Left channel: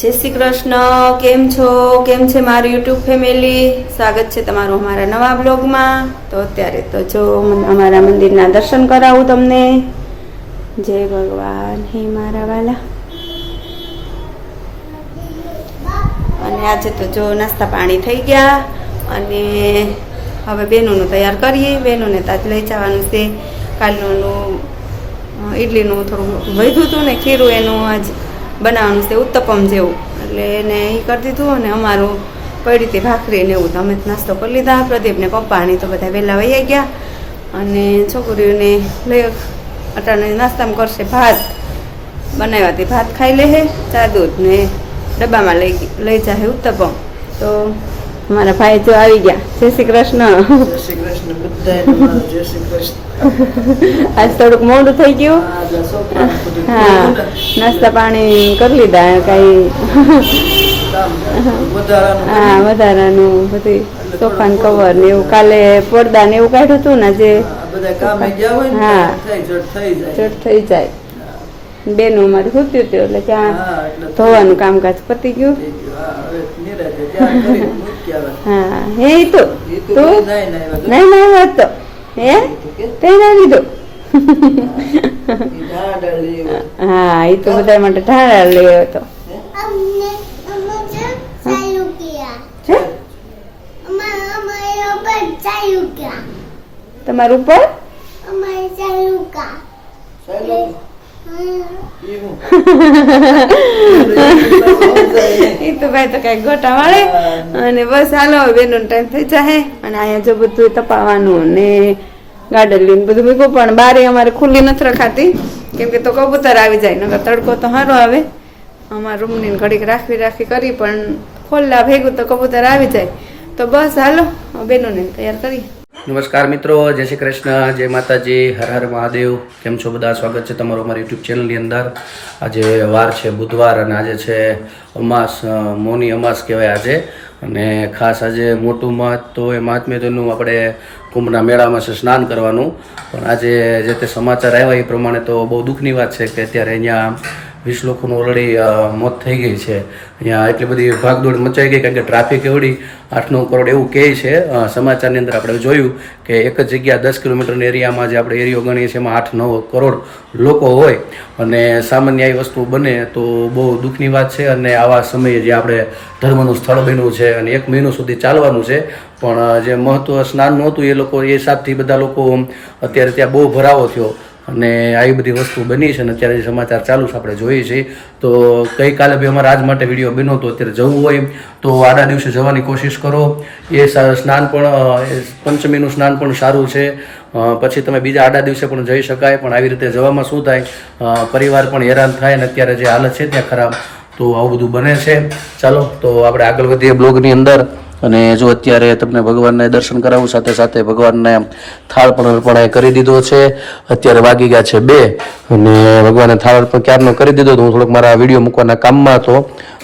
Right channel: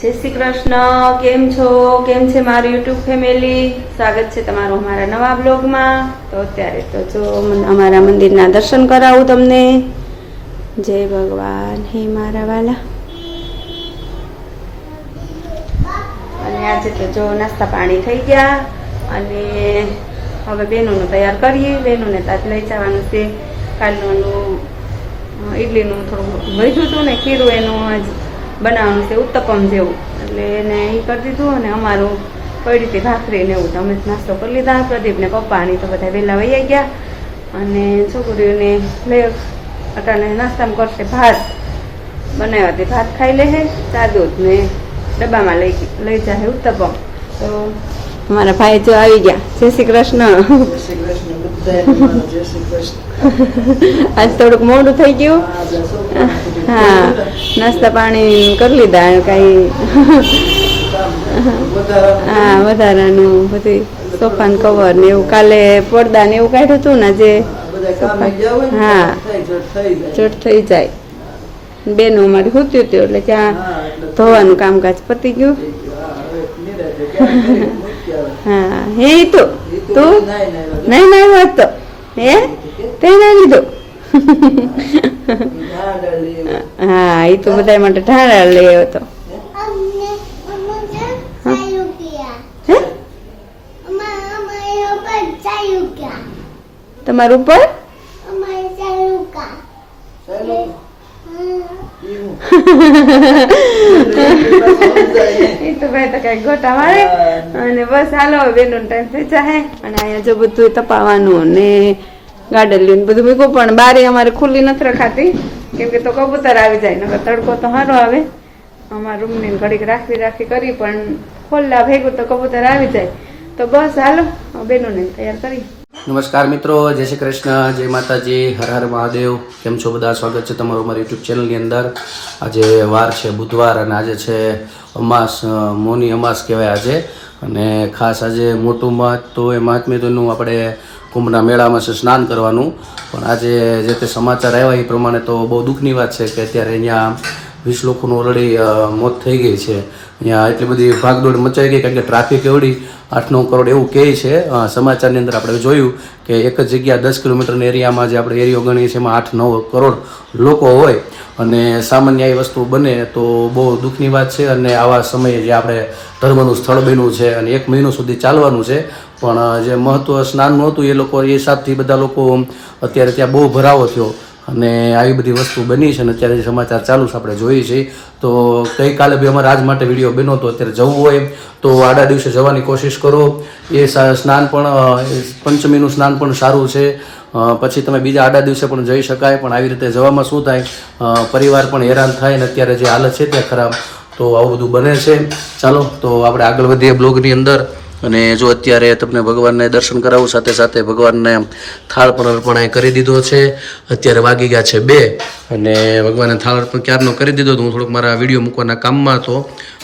જય શ્રી કૃષ્ણ, કેમ છો? કેમ છે મારું યુટ્યુબ ફેમિલી? સ્વાગત છે તમારું અમારા નવા બ્લોગમાં. તો અત્યારે તો જો અમારા મંદિરના દર્શન કરાવું તમને. જય ભગવાન, હે મારા વાલા. અને આજે તો જો નાસ્તા પાણી થઈ ગયા. અને હવે બેનોનું તૈયાર કરીએ. બેનોને તાજ લઈ જવાનું છે. કાલનું ઇડલીનું થોડું વધ્યું હતું ને ખીરું એનું આજ. બનાવવાનું છે, ઉત્તપમ જેવું. એટલે એને એ કરી દીધું અને અમારું કઈ રીતે ભાખરી ને એવું તો અમે તો નાસ્તો કરી લીધા. પ્રદીપને પપ્પાની તો બધા વહેલા વહી ગયા. અને છોકરીઓને લઈ અટાણે નાસ્તામાં કરશે ભાત. બનાવ્યા ભાત ખાઈ લે હે, ચા દૂધ ને ડબ્બામાં લઈ લઈ જાય ઉત્તપમ. તો અમારા ભાઈ જો આવી ગયા. જય શ્રી કૃષ્ણ. જય શ્રી કૃષ્ણ બધાએ જય શ્રી કૃષ્ણ આજ થોડુંક મોડું થઈ ગયું. હા નાસ્તા પાણી કરી લીધા કઈ. હા વધારાનું બધું સોફાન કવર ને એવું. કાલે પડદા ને એવું કાઢ્યું હતું ને જે હા. જટ થઈ જાય. ચોટ થઈ જાય બેનું અમારે સૂત્યું હતું એટલે ત્યાં ધોવાનું કામકાજ પતી ગયું. હા. હા તો એ તો નહીં, નહીં વાત તો હે તે ના લીધું. હા એ તો બધા માટે ઢાળા લેવો હતો તમારું અમારે ભાઈ તો કઈ ગોટા વાળે. અને બસ હાલો બેનો ટાઈમ થઈ જાય અને અહીંયા જો બધું તપાવવાનું ને ગાર્ડન લઈને બધું મૂક્યું. પણ બારી અમારે ખુલ્લી નથી રખાતી. કેમ કે તો કબૂતર આવી જાય નકર તડકો તો સારો આવે. અમારા રૂમની ઘડીક રાખવી રાખવી કરી પણ ખોલ્લા ભેગું તો કબૂતર આવી જાય. તો બસ હાલો બેનોને તૈયાર કરી નમસ્કાર મિત્રો, જય શ્રી કૃષ્ણ, જય માતાજી, હર હર મહાદેવ. કેમ છો બધા? સ્વાગત છે તમારું અમારી યુટ્યુબ ચેનલની અંદર. આજે વાર છે, બુધવાર, અને આજે છે અમાસ મોની અમાસ કહેવાય આજે. અને ખાસ આજે મોટું મહત્વ એ મહાત્મ્યનું આપણે કુંભના મેળામાં છે સ્નાન કરવાનું. પણ આજે જે તે સમાચાર આવ્યા એ પ્રમાણે તો બહુ દુઃખની વાત છે કે અત્યારે અહીંયા વીસ લોકોનું ઓલરેડી મોત થઈ ગઈ છે. અહીંયા એટલી બધી ભાગદોડ મચાઈ ગઈ, કારણ કે ટ્રાફિક એવડી આઠ નવ કરોડ એવું કહે છે. સમાચારની અંદર આપણે જોયું કે એક જ જગ્યા દસ કિલોમીટરના એરિયામાં જે આપણે એરિયો ગણીએ છીએ, એમાં આઠ નવ કરોડ લોકો હોય. અને સામાન્ય એ વસ્તુ બને તો બહુ દુઃખની વાત છે. અને આવા સમયે જે આપણે ધર્મનું સ્થળ બન્યું છે અને એક મહિનો સુધી ચાલવાનું છે, પણ જે મહત્વ સ્નાનનું હતું એ લોકો, એ હિસાબથી બધા લોકો અત્યારે ત્યાં બહુ ભરાવો થયો. અને આવી બધી વસ્તુ બની છે અને અત્યારે સમાચાર ચાલુ છે, આપણે જોઈએ છીએ, તો ગઈકાલે બી અમારે આજ માટે વીડિયો બન્યો તો અત્યારે જવું હોય તો આડા દિવસે જવાની કોશિશ કરો. એ સ્નાન પણ પંચમીનું સ્નાન પણ સારું છે. પછી તમે બીજા આડા દિવસે પણ જઈ શકાય, પણ આવી રીતે જવામાં શું થાય? પરિવાર પણ હેરાન થાય અને અત્યારે જે હાલત છે ત્યાં ખરાબ, તો આવું બધું બને છે. ચાલો, તો આપણે આગળ વધીએ બ્લોગની અંદર. અને જો અત્યારે તમને ભગવાનને દર્શન કરાવું, સાથે સાથે ભગવાનને થાળ પણ અર્પણ કરી દીધો છે. અત્યારે વાગી ગયા છે બે અને ભગવાનને થાળ અર્પણ ક્યારનો કરી દીધો હતો હું થોડોક મારા વીડિયો મૂકવાના કામમાં હતો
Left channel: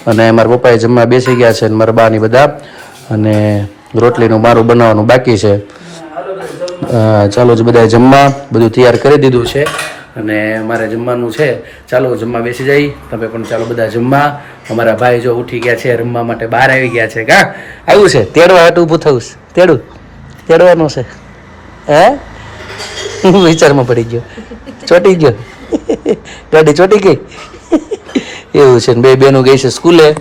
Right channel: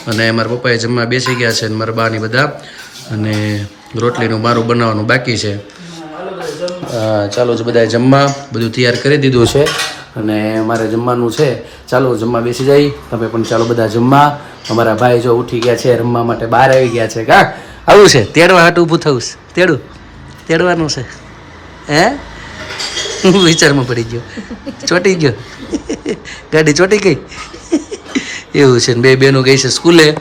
અને મારા પપ્પાએ જમવા બેસી ગયા છે અને મારા બાની બધા અને રોટલીનું મારું બનાવવાનું બાકી છે. ચાલો જ બધા જમવા, બધું તૈયાર કરી દીધું છે. અને મારે જમવાનું છે. ચાલો જમવા બેસી જાય તમે પણ ચાલો બધા જમવા. અમારા ભાઈ જો ઉઠી ગયા છે રમવા માટે બહાર આવી ગયા છે કા? આવું છે. તેડવા હાટું ઊભું થવું છે. તેડું. તેડવાનું છે. હે? હું વિચારમાં પડી ગયો. ચોટી ગયો. ગાડી ચોટી ગઈ. એવું છે બે બેનું ગઈ છે સ્કૂલે.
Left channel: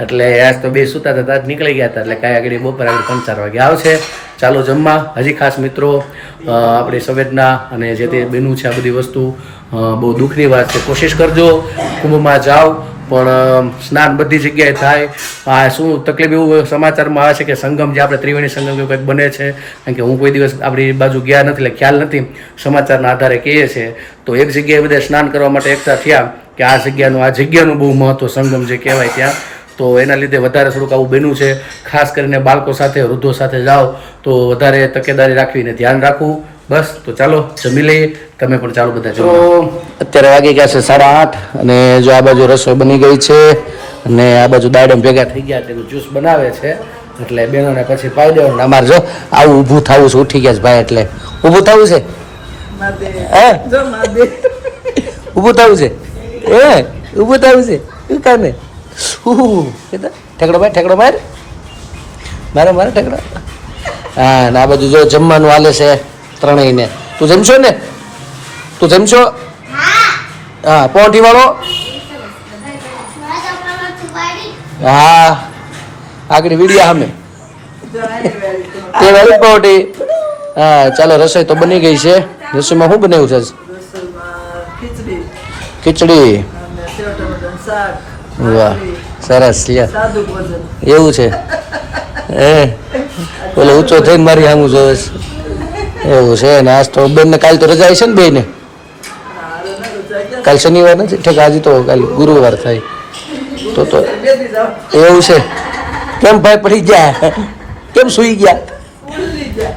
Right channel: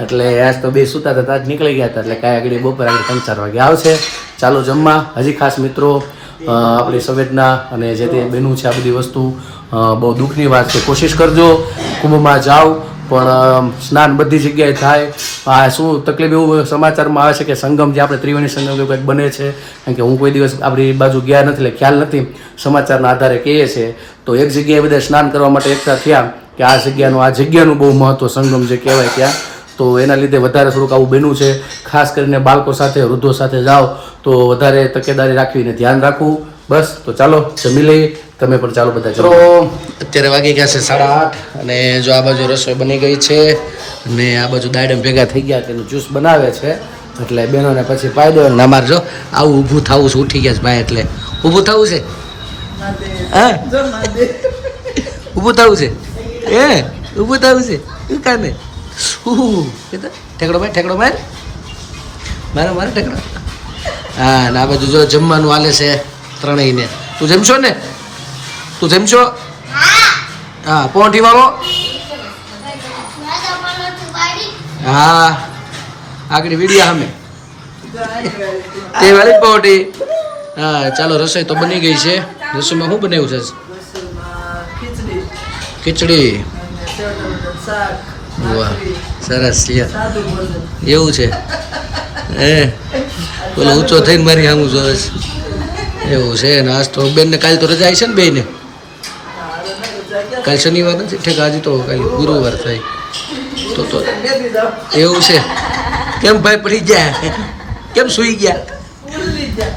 એટલે આજ તો બે સૂતા હતા નીકળી ગયા હતા. એટલે કાંઈ આગળ બપોર આગળ ત્રણ ચાર વાગે આવશે. ચાલો જમવા. હજી ખાસ મિત્રો આપણી સંવેદના અને જે તે બેનું છે આ બધી વસ્તુ બહુ દુઃખની વાત છે. કોશિશ કરજો, કુંભમાં જાઓ, પણ સ્નાન બધી જગ્યાએ થાય. આ શું તકલીફ એવું સમાચારમાં આવે છે કે સંગમ જે આપણે ત્રિવેણી સંગમ એવું કંઈક બને છે, કારણ કે હું કોઈ દિવસ આપણી બાજુ ગયા નથી, એટલે ખ્યાલ નથી, સમાચારના આધારે કહીએ છે તો એક જગ્યાએ બધા સ્નાન કરવા માટે એકઠા થયા કે આ જગ્યાનું આ જગ્યાનું બહુ મહત્ત્વ સંગમ જે કહેવાય ત્યાં. તો એના લીધે વધારે થોડુંક આવું બન્યું છે. ખાસ કરીને બાળકો સાથે વૃદ્ધો સાથે જાઓ તો વધારે તકેદારી રાખવીને ધ્યાન રાખવું. બસ તો ચાલો જમી લઈએ. તમે પણ ચાલો બધા તો અત્યારે વાગી ગયા છે સાડા આઠ અને જો આ બાજુ રસોઈ બની ગઈ છે અને આ બાજુ દાડમ ભેગા થઈ ગયા તેનું જ્યુસ બનાવે છે. એટલે બેનોને પછી પાઈ દેવાનું ને અમારે જો આવું ઊભું થવું છે ઉઠી ગયા છે ભાઈ એટલે. ઊભું થવું છે? હે? ઊભું થવું છે? એ ઊભું થવું છે? કાને? ઠેકડો માર ઠેકડો માર. મારે મારે ઠેકડો. હા ને આ બધું જો જમવાનું હાલે છે ત્રણેયને. તું જમશો ને? તું જમશો? હા પોંઠી વાળો હા આગળ વીડિયા સામે. તે વાળી પોટી હા ચાલો રસોઈ તો બની ગઈ છે. રસોઈમાં શું બનાવ્યું છે? ખીચડી. ખીચડી. વાહ, સરસ એવું છે? એ ઓલો ઊંચો થઈને મારી સામું જોવે છે. એવું છે ને આજ તો બેનને કાલ તો રજા છે ને બેને કાલ શનિવાર નથી? ઠીક, આજે તો કાલ ગુરુવાર થાય. તો તો એવું છે. કેમ ભાઈ પડી ગયા? કેમ સુઈ ગયા?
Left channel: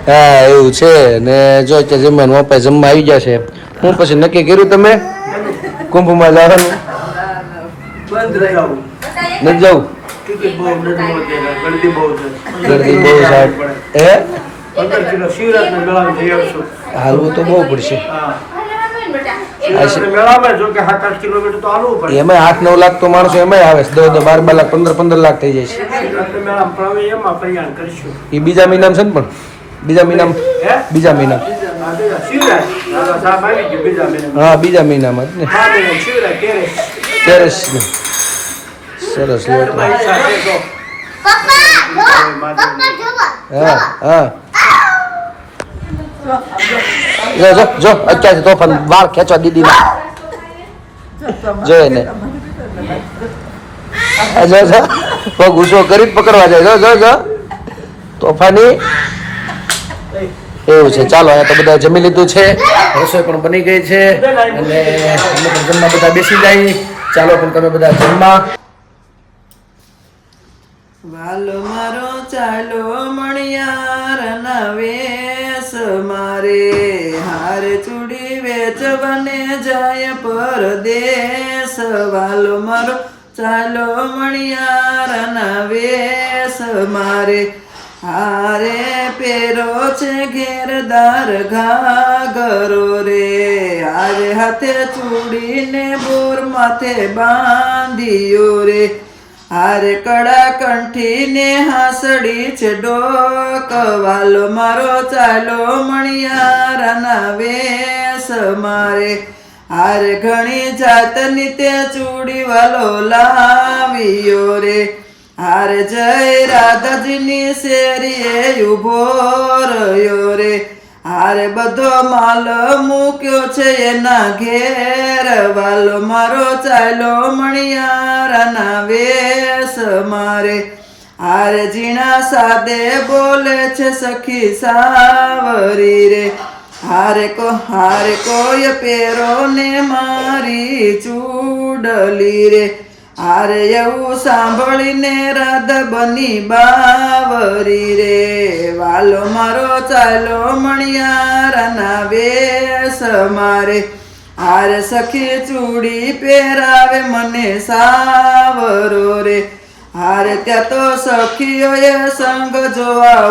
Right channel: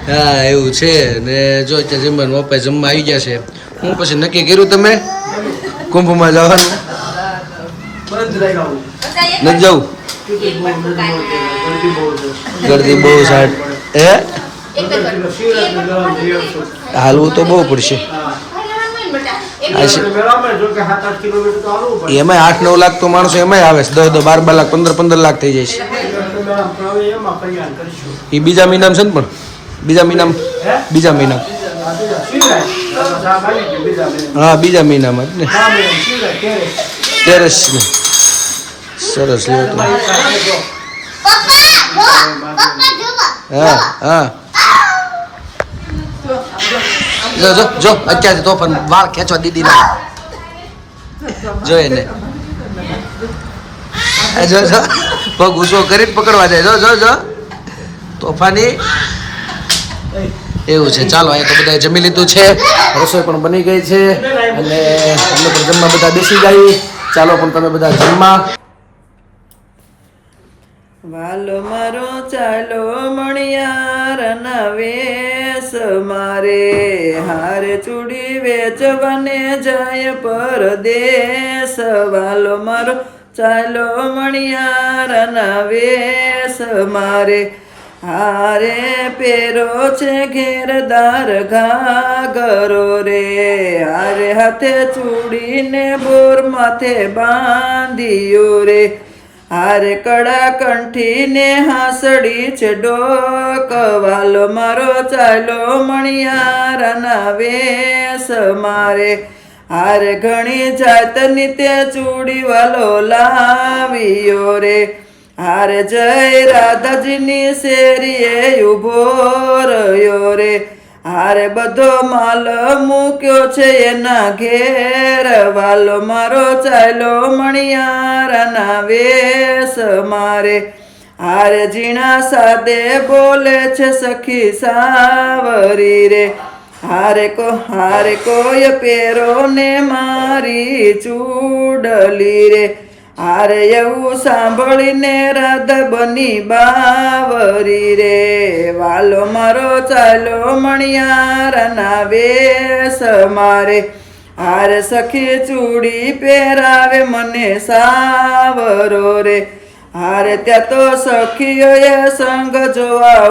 હા, એવું છે. ને જો અત્યારે જમવાનું અપાય જમવા આવી ગયા છે. હું પછી નક્કી કર્યું તમે? કુંભમાં જવાનું? નથી જવું. ગરદી બહુ છે સાટ હે? હાલવું તો બહુ પડશે. સાત આઠ નવ લાખ તો માણસો એમાંય આવે છે. દસ દસ બાર બાર લાખ પંદર પંદર લાખ થઈ જાય છે. એમાં એ બીજા મહિનામાં છે ને પણ? બીજા મહિનામાં? બીજા મહિના આ બીજા શિવરાત્રી આ સાહેબ આવી ગયું બીજા મહિને હા બીજા મહિનામાં જ ને. તેરસ ને સરસ લ્યો તો હા હા જો જો જો અત્યારથી તોફાન વાળ ખેંચવા દીદી ના જોઈએ ને જો જો પગ ઊંચો કરીને પકડવા જાય જો જો જો તોફાની એવું છે ચાલો અહીંયા તો બધા જમી લીધું છે રસોઈ પણ બની ગઈ છે. અને અમે પણ જમવા બધા બેસી જઈએ ચાલો પણ તમે બધા જમવા. વાલો મારો ચાલો મણિયાર ના વેશ મારે. હારે ચૂડી વેચવાને જાય પરદેશ વાલો મારો ચાલો મણિયાર ના વેશ મારે. હારે પેરો છે ઘેરદાર ઘાગરો રે. હારે હાથે ચૂડીને બોર માથે બાંધ્યો રે. હારે કડા કંઠીને હાસડી છે ડોકવાલો મારો ચાલો મણિયારાના વેસ મારે. હારે ઘણી જાતની તે ચૂડીવાલો લાવ્યો રે. હારે જય રાધાજીની શેરીએ ઊભો રહ્યો રે. હારે બધો માલ મૂક્યો છે એના ઘેર. વાલો મારો ચાલો મણિયારાના વેશ મારે. હારે ઝીણા સાદે બોલે છે સખી સાવરી રે. હારે કો, હારે કોઈ પેરો ને મારી ચૂડલી રે. હારે એવું સાંભળીને રાધ બની બાવરી રે. વાલો મારો ચાલો મણિયારના વેશ મારે. હારે સખી ચૂડી પહેરાવે મને સાવરો રે. હારે ત્યાં તો સખીઓએ સંગ જોવા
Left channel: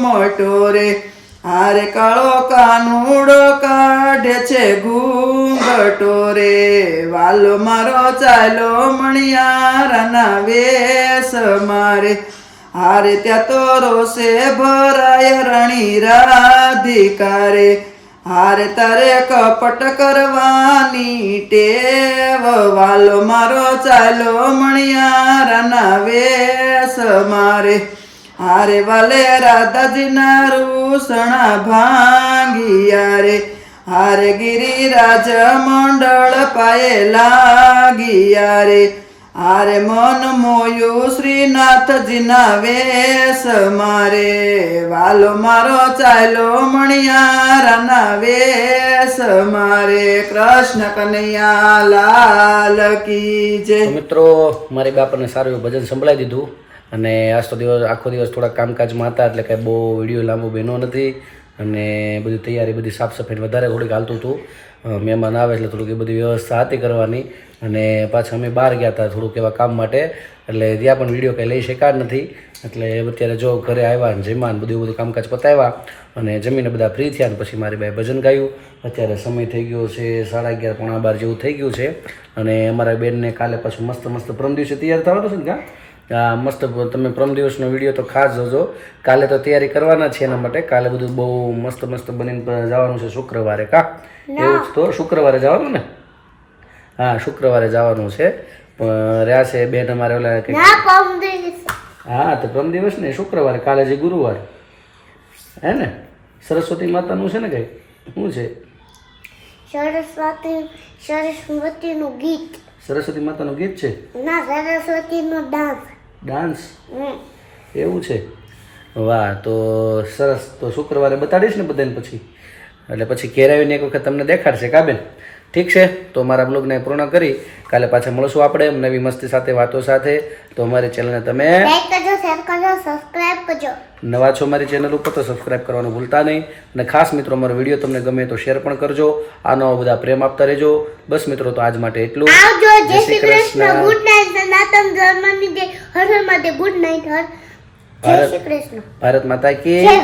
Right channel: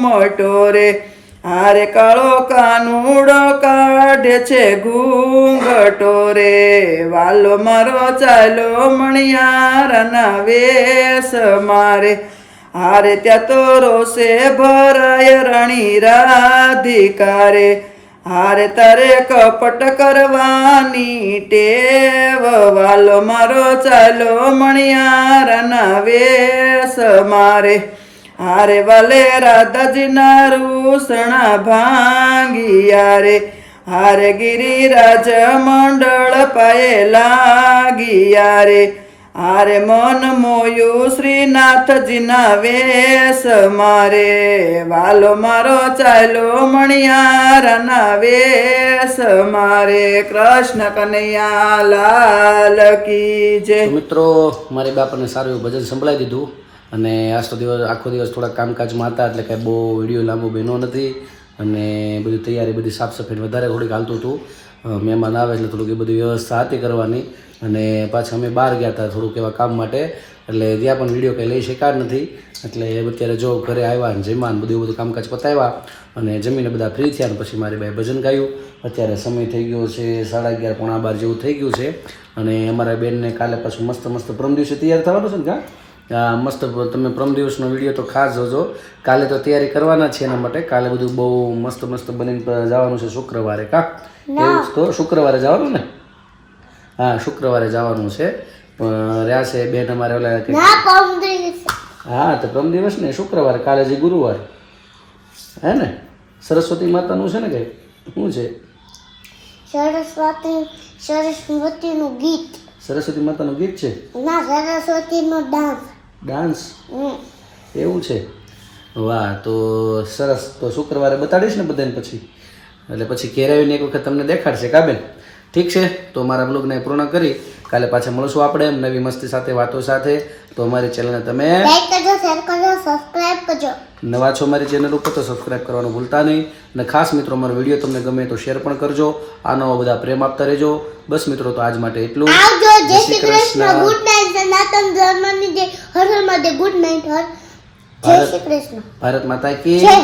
મોટો રે. હારે કાળો કાનુડો કાઢે છે ઘૂંઘટો રે. વાલો મારો ચાલો મણિયારના વેશ મારે. હારે ત્યાં તો રોષે ભરાય રણી રાધિકારે. હારે તારે કપટ કરવાની ટેવ. વાલો મારો ચાલો મણિયારના વેશ મારે. હારે વાલે રાધાજીના રૂસણા ભાંગિયા રે હારે ગિરિરાજ મંડળ પાયે લાગિયા રે હારે મન મોયું શ્રીનાથજીના વેશ મારે. વાલો મારો ચાલો મણિયારાના વેશ મારે. કૃષ્ણ કનૈયા લાલ કી જય. મિત્રો, મારી બાપાને સારું ભજન સંભળાઈ દીધું. અને આજ તો દિવસ આખો દિવસ થોડા કામકાજમાં હતા, એટલે કાંઈ બહુ વીડિયો લાંબો બન્યો નથી. અને બધી તૈયારી બધી સાફ સફાઈ વધારે થોડીક હાલતું હતું. મહેમાન આવે એટલે થોડુંક એ બધી વ્યવસ્થા હતી કરવાની. અને પાછા અમે બહાર ગયા હતા થોડુંક એવા કામ માટે. એટલે ત્યાં પણ વીડિયો કંઈ લઈ શક્યા નથી. એટલે અત્યારે જો ઘરે આવ્યા ને જમ્યા ને બધું બધું કામકાજ પતાવ્યા અને જમીને બધા ફ્રી થયા ને પછી મારી બાઈ ભજન ગાયું. અત્યારે સમય થઈ ગયો છે સાડા અગિયાર પોણા બાર જેવું થઈ ગયું છે. અને અમારા બેનને કાલે પાછું મસ્ત મસ્ત પ્રમ દિવસે તૈયાર થવાનું છે ને કાં? આ મસ્ત તમે પ્રમ દિવસનો વીડિયો તો ખાસ જોજો. કાલે તો તૈયારી કરવાના છે એના માટે. કાલે બધું બહુ મસ્ત મસ્ત બનીને જવાનું છે શુક્રવારે કા? એવું તો? શુક્રવારે જવાનું ને? હા શુક્રવારે જવાનું છે. રહ્યા છે બેન અમારે ઓલા હા તો પ્રમ દિવસ ને શુક્રવારે કાલે જે ગુરુવાર. હે ને? સરસ્વતી માતાનું છે ને કંઈક? શું છે? સરસ્વતી સરસ્વતીનું ગીત. સરસ્વતી માતાનું ગીત છે? ના સરસ્વતીનો ડાન્સ. ડાન્સ. એવું છે? વાહ તો સરસ. તો શુક્રવારે બતાડીશ ને બધાને પછી? એટલે પછી ઘેર આવીને એક વખત તમને દેખાડશે. કાબેન ઠીક છે? તો મારા બ્લોગને પૂર્ણ કરી. કાલે પાછા મળશું આપણે નવી મસ્તી સાથે વાતો સાથે. તો અમારી ચેનલને તમે લાઈક કરજો શેર કરજો સબસ્ક્રાઇબ કરજો. નવા છો મારી ચેનલ ઉપર તો સબસ્ક્રાઇબ કરવાનું ભૂલતા નહીં. અને ખાસ મિત્રો અમારો વીડિયો તમને ગમે તો શેર પણ કરજો. આનો બધા પ્રેમ આપતા રહેજો. બસ મિત્રો તો આજ માટે એટલું. આવજો જય શ્રી કૃષ્ણ. ગુડ નાઈટ સનાતન ધર્મની જય હર હર મહાદેવ ગુડ નાઇટ હર. જય શ્રી કૃષ્ણ. ભારત માતા કી જય